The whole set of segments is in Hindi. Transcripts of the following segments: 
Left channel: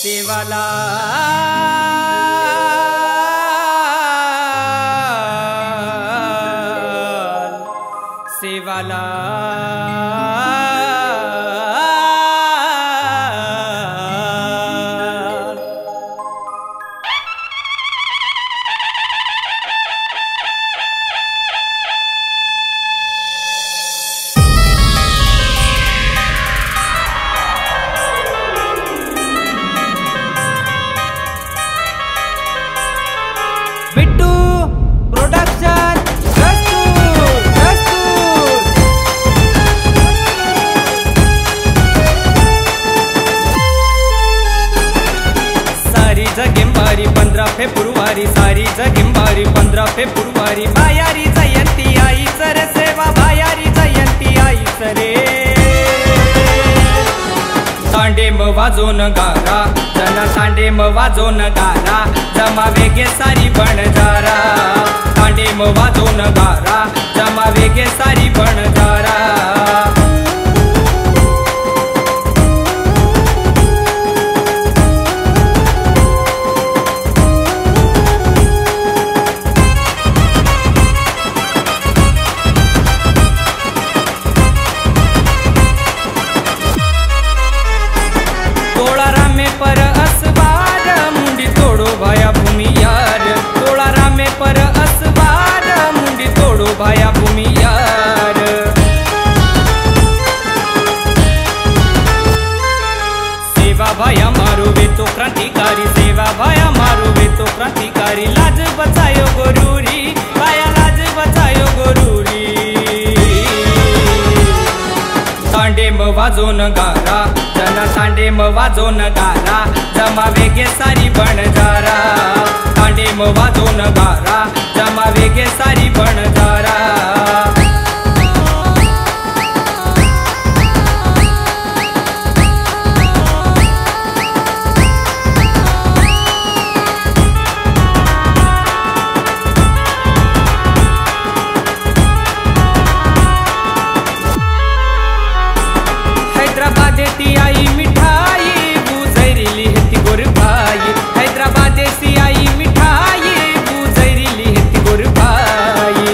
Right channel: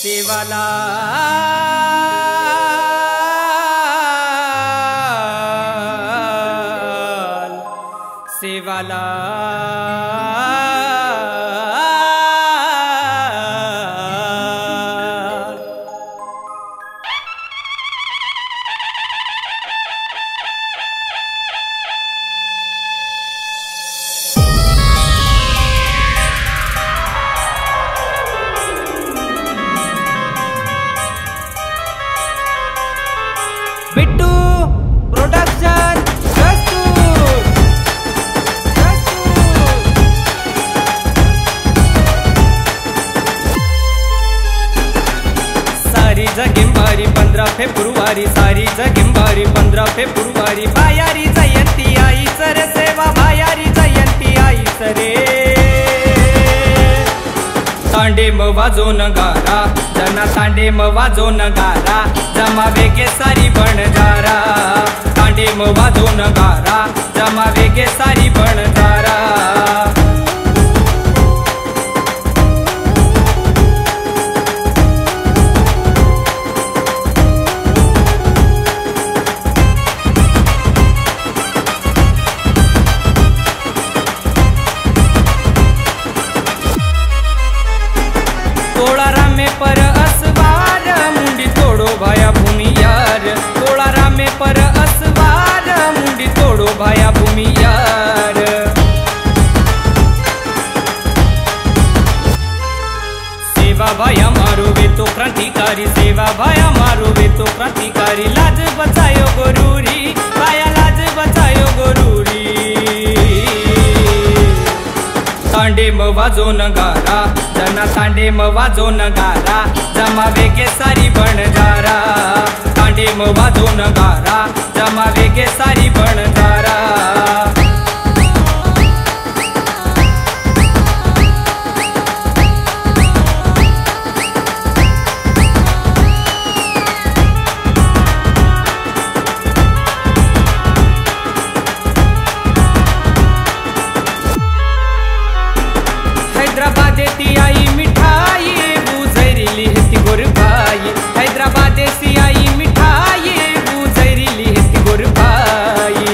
सेवाला सेवाला बिट्टू प्रोडक्शन सारी जगेंबारी 15 फेब्रुवारी सारी जगेंबारी 15 फेब्रुवारी बायारी जयंती आईच रे सेवा बायारी जयंती आईच रे तांडेम वाजोन गारा जना तांडेम वाजोन गारा जमा वेगे सारी बनजारा तांडेम वाजोन गारा जमा वेगे सारी बनजारा तोड़ा रामे पर असवार मुंडी तोड़ो भाया भूमि यार तोड़ा रामे पर असवार मुंडी तोड़ो भाया भूमि यार सेवा भाया मारो वे तो क्रांतिकारी सेवा भाया मारो वे तो क्रांतिकारी लाज बचायो गोरूरी भाया लाज बचायो गोरूरी तांडेम वाजोन गारा जना तांडेम वाजोन गारा जमा वेगे सारी बनजारा तांडेम वाजोन गारा जमा वेगे सारी बनजारा हैदराबादेती आई मिठाई बुजैरिली हेती गोर भाई हैदराबादेसी आई मिठाई बुजैरिली हेती गोर भाई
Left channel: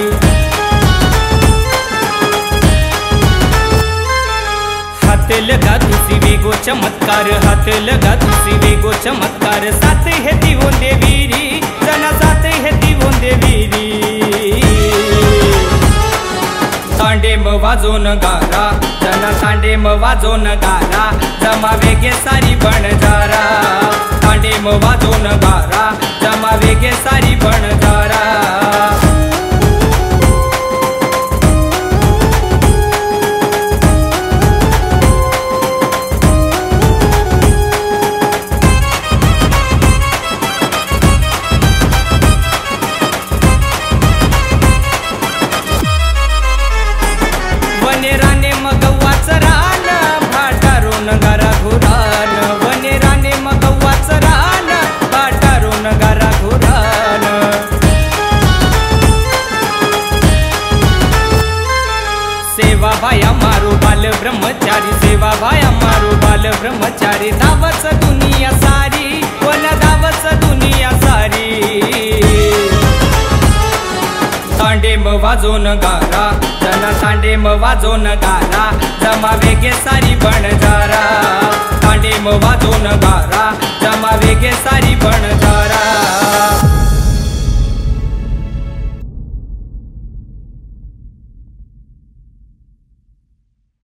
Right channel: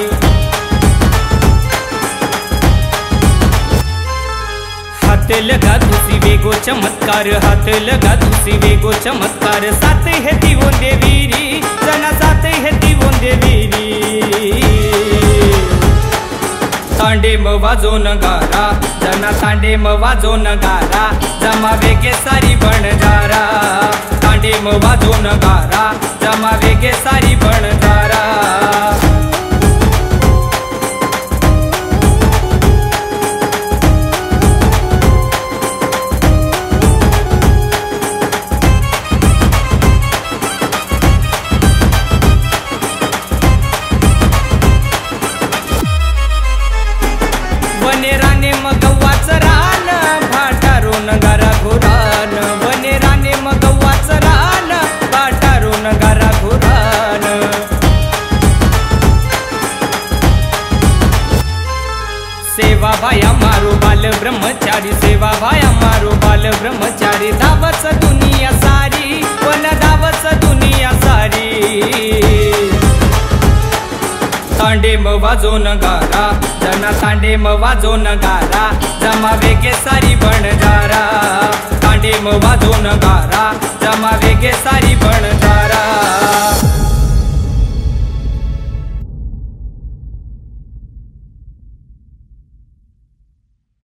हाथ लगा तुसी वेगो चमत्कार हाथ लगा तुसी वेगो चमत्कार साथ हेती वोंदे वीरी जना साथ हेती वोंदे वीरी तांडेम वाजोन गारा जना तांडेम वाजोन गारा जमा वेगे सारी बनजारा तांडेम वाजोन गारा जमा वेगे सारी बनजारा वनेराने मगव्वाच रान भाटारो नगारा घोरान वनेराने मगव्वाच रान भाटारो नगारा घोरान सेवा भाया मारो बाल ब्रह्मचारी सेवा भाया मारो बाल ब्रह्मचारी धावच दुनिया सारी वन धावच दुनिया सारी तांडेम वाजोन गारा जना तांडेम वाजोन गारा जमा वेगे सारी बनजारा तांडेम वाजोन गारा जमा वेगे सारी बनजारा।